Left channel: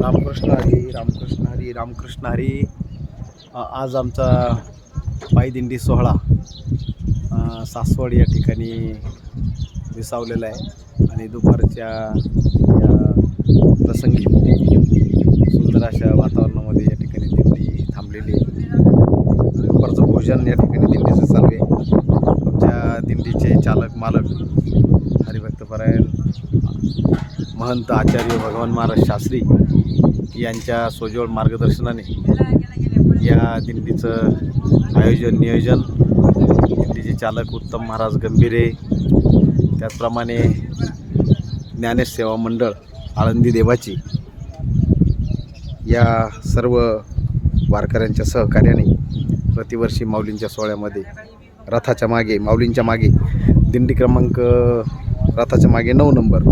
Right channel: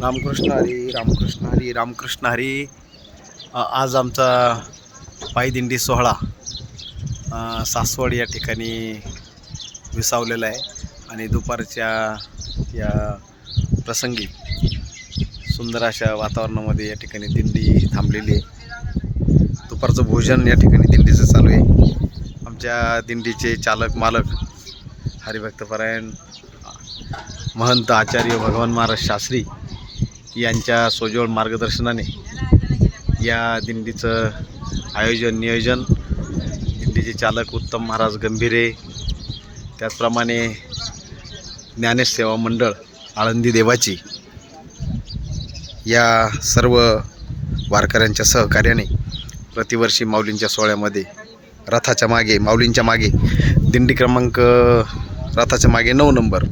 रामकृष्ण हरी रामकृष्ण हरी रामकृष्ण हरी. आज आमचा पायदिंडी सोहळा सासवड या ठिकाणी विसावलेला आहे. आणि दुपारच्या या प्रसंगी सुंदर अशा वातावरणामध्ये या ठिकाणी दिंडी थांबलेली आहे. दुपारचं भोजन या ठिकाणी दिंडीचं चालू आहे. आमच्या दिंडीचे चालक मालक हरिभक्तपरायण महंत आचार्य भगवान महाराज शास्त्री यांच्या सोजवळ मार्गदर्शनाने या दिंडीचं आयोजन नियोजन. दिंडीचे चालक उत्तम महाराज गंभीरे. त्याचप्रमाणे ज्ञानेश सेवा मंडळ आळंदी देवाची. या सर्व वारकऱ्यांच्या सहकार्याने प्रतिवर्षी माऊलींच्या सोहळ्यामध्ये रथाच्या मागे माऊलींच्या मागे दिंडी क्रमांक रथाच्या मागे नऊ नंबर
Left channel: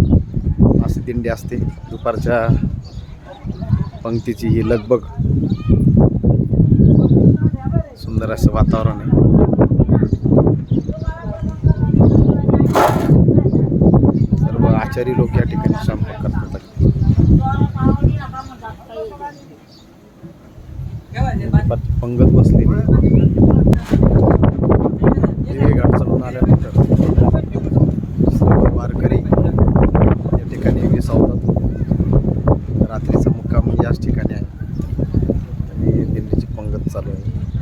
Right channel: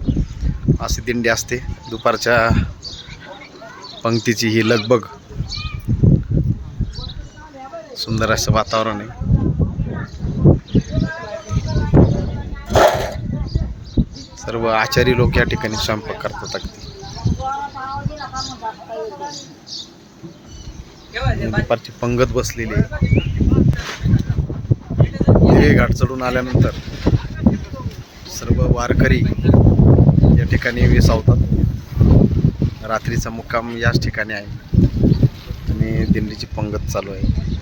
अशी दिंडी असते. दुपारच्या पंक्तीची ही लगबग. सुंदर असं वातावरण आहे. सर्व आचारी लोक या ठिकाणी स्वयंपाक करतात. अगदी पंगत बसलेली आहे. हे घाट चढून आल्यानंतर सर्व वारकरी या ठिकाणी विसावतात. रात्रीचा मुक्काम याच ठिकाणी आहे. आणि दिंडीची पंगत चालू आहे.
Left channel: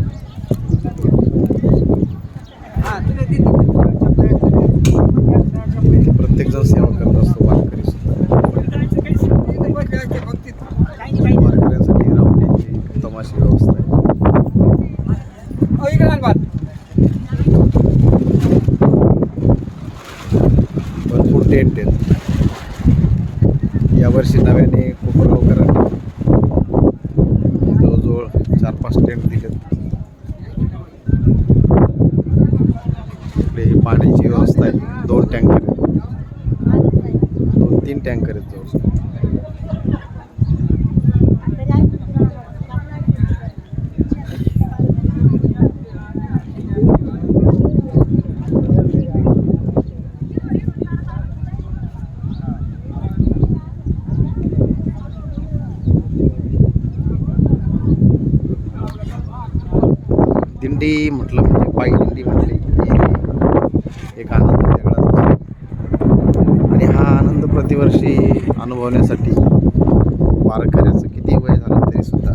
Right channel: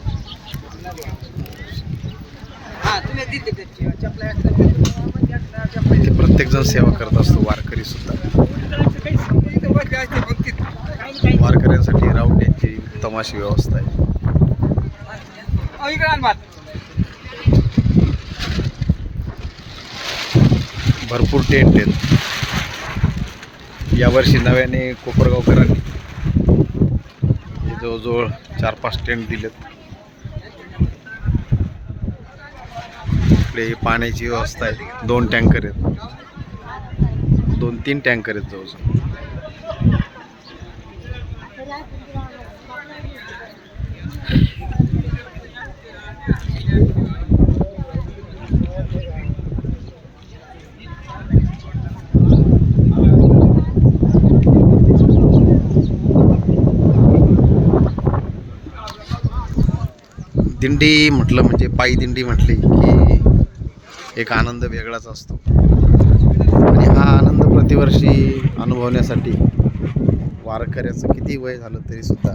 इथे प्रत्येकजण सेवा करत असतो वारकरी सुद्धा. वारकऱ्यांसाठी रावट्यांची उत्तम अशी व्यवस्था आहे. भरपूर टेंट आहेत. यावर्षी नव्याने कोपरगावकरांनी जवळजवळ चार पाच टेंट दिलेत. इकडे पाण्याची व्यवस्था आहे. दोन टँकर आहेत. दोन तीन टँकर आहेत जवळजवळ. दिंडी म्हटलं म्हणजे पायी दिंडी म्हटली की एक आनंद वेगळाच असतो. आणि हा आनंद प्रतिवर्षी अनुभवण्यासाठी वारकऱ्याचं किती वय झालं तरीसुद्धा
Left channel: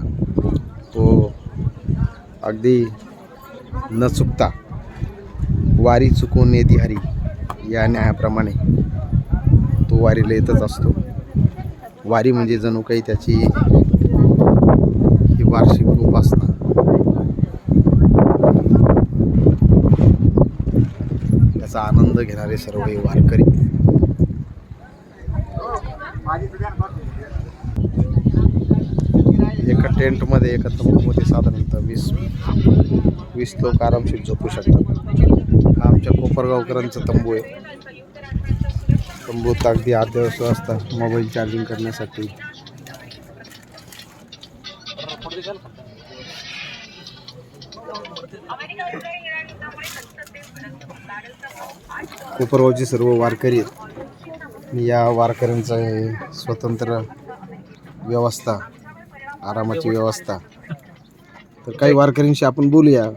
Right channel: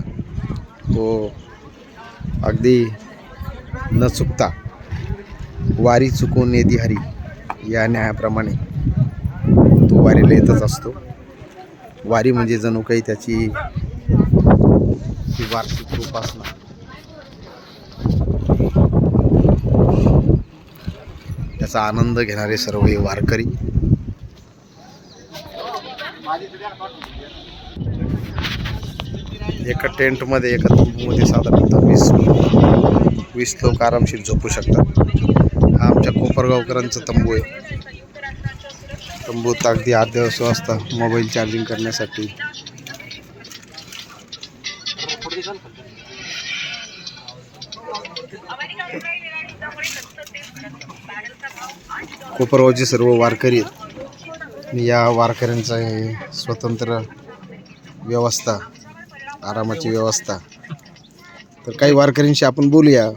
तो अगदी न चुकता वारी चुकून येदी हरी या न्यायाप्रमाणे तो वारीला येतच असतो. वारी म्हणजे जणू काही त्याची वार्षिक उपासना त्याचा आनंद घेणारे सर्व हे वारकरी. एका टेंटमध्ये एका मध्ये साधारणतः वीस वीस लोक आरामशीर झोपू शकतात. हा आमच्या कोपरगावकरांचा तंबू आहे. तंबूत अगदी अद्यावश्य वाजता मोबाईल चार्जिंग करण्यासाठी कोपरगावचे सर्व वारकरी आहेत. या वारकऱ्यांचं हे स्वतंत्र व्यवस्था आरामाची व्यवस्था. तर काही वारकऱ्यांशी आपण बोलूया.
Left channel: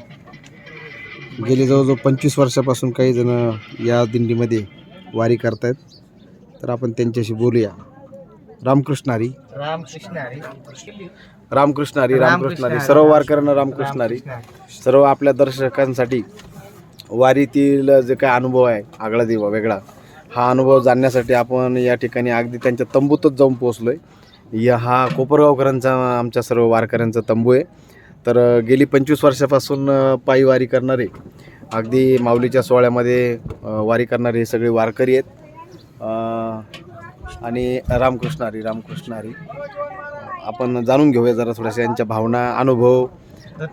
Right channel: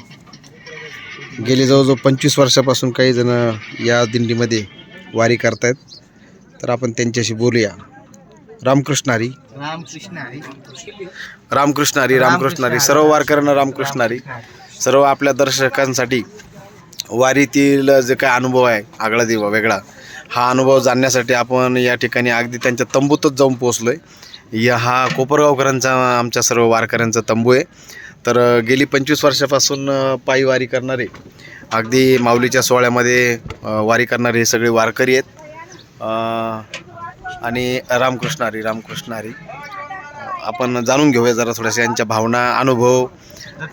गेले जवळजवळ पंचवीस वर्षापासून काही जण या दिंडीमध्ये वारी करतायत. तर आपण त्यांच्याशी बोलूया. रामकृष्ण हरी. रामकृष्ण हरी. रामकृष्ण हरी रामकृष्ण हरी. सर्व वारकऱ्यांना रामकृष्ण हरी. सर्व आपल्या दर्शकांसाठी वारीतील जे काय अनुभव आहे आगळा दिवा वेगळा हा अनुभव जाणण्यासाठी आपण या ठिकाणी अगदी त्यांच्या तंबूतच जाऊन पोचलो आहे या हा कोपरगावकरांचा आमच्या सर्व वारकऱ्यांचा तंबू आहे. तर गेली पंचवीस वर्षापासून पायी वारी करणारे अगदी माऊलीच्या सोहळ्यामध्ये वारी करणारे हे सगळे वारकरी आहेत. आणि रामकृष्ण हरी रामकृष्ण हरी आपण जाणून घेऊया जरा थोड्याशा यांच्या भावना अनुभव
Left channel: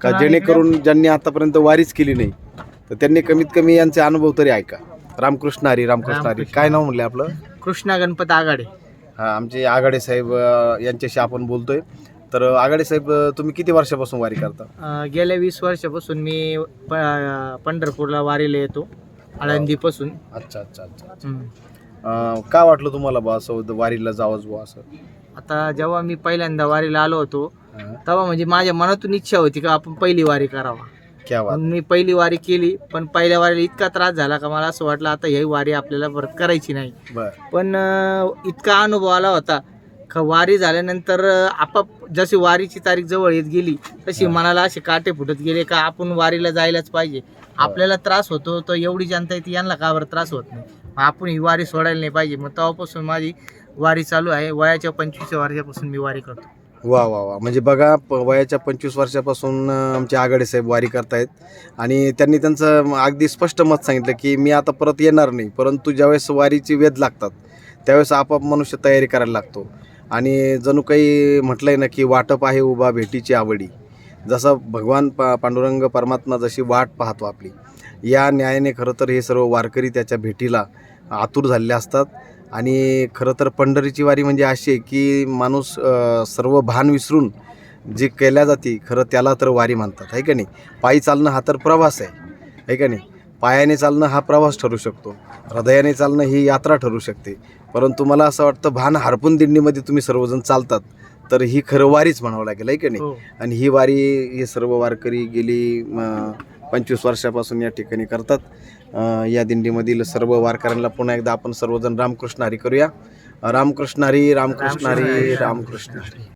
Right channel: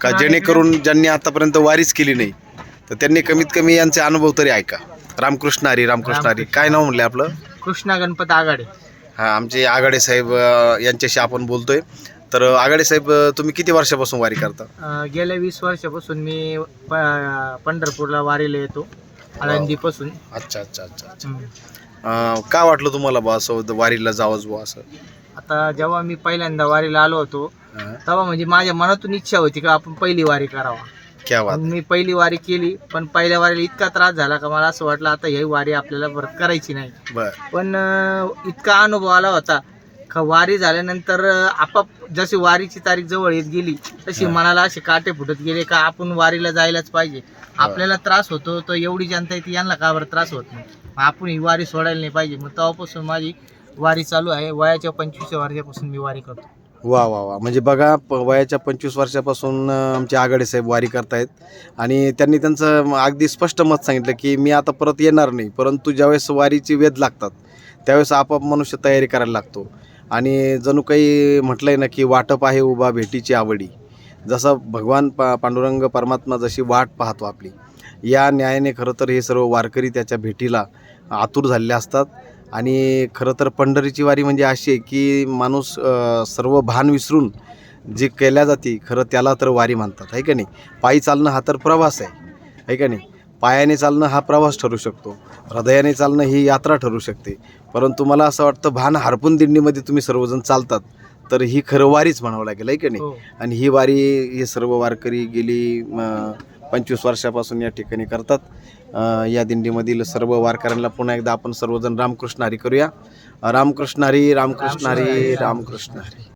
का जेणेकरून ज्यांनी आतापर्यंत वारीच केली नाही तर त्यांनी कमीत कमी यांचे अनुभव तरी ऐका. रामकृष्ण हरी रामकृष्ण हरी. काय नाव म्हणले आपलं? कृष्णा गणपत आघाडे. हां आमचे आघाडे साहेब अ, यांच्याशी आपण बोलतोय. तर आघाडे साहेब अ, तुम्ही किती वर्षापासून वारी करता? अं, गेल्या वीस वर्षापासून मी प- पंढरपूरला वारीला येतो आळंदीपासून. अच्छा अच्छा अच्छा अच्छा. हम्म. अ, का वाटलं तुम्हाला बा असं वारीला जावंच बुवा असं? आता जेव्हा मी पहिल्यांदा वारीला आलो होतो हा. तेव्हा म्हणजे माझ्या मनातून इच्छा होती का आपण पहिली वारी करावा. क्या बात मग मी पहिली वारी केली पण पहिल्या वारीला इतका त्रास झाला का मला असं वाटलं आता ही वारी आपल्याला परत करायची नाही. बर. पण अं, इतका अनुभव आला होता का वारी झाल्यानंतर अं, आपाप जशी वारीची तारीख जवळ येत गेली तशी हा. मनाला असे काटे फुटत गेले का आपण वारीला जायलाच पाहिजे. आपल्याला त्रास होतो तर एवढी जनता येते यांना का बरं त्रास होत नाही? मग आपण ही वारी सोडायला नाही पाहिजे. मग तेव्हापासून माझी वारी चालू आहे. वयाच्या पंचवीस वर्षापासून मी वारी करतो. वा वा वा. म्हणजे बघा प वयाच्या पंचवीस वर्षापासून आमचे आघाडे साहेब वारी करतायत. आणि त्यांनी त्यांचं अगदी स्पष्ट मत सांगितलं की मी आता परत येणार नाही परंतु ज्यावेळेस वारीची वेध लागतात त्यावेळेस आपाप मनुष्य तयारी करायला लागतो. आणि जणू काही म्हटलं आहे ना की वाटप आहे उभा भेटीची आवडी. जसं भगवान पा पांडुरंग परमात्मा जशी वाट पाहतो आपली या न्यायाने खरं तर हे सर्व वारकरी त्याच्या भेटीला आतुर झालेले असतात. आणि खरं तर पंढरीची वारी म्हणजे अशी आहे की माणूस सर्व भान विसरून जे केल्या जाते खरं त्याला तर वारी म्हणतात आहे का नाही? पायी चालणं हा तर प्रवास आहे आहे का नाही? पायाने चालणं हा प्रवास ठरू शकतो हृदयाने चालणं ही यात्रा ठरू शकते. परंतु मला असं वाटतं भान हरपून दिंडीमध्ये तुम्ही सर्वजण चालतात तर ही खरं वारीच म्हणावं लागेल आहे का नाही? हो. आणि ही वारी हे सर्व वारकरी गेली पंचवीस वर्षापासून या ठिकाणी करतात. या दिंडीमधील सर्व वारकऱ्यांना पुन्हा एकदा आपण सर्वजण रामकृष्ण हरी करूया. रामकृष्ण हरी रामकृष्ण हरी. रामकृष्ण हरी.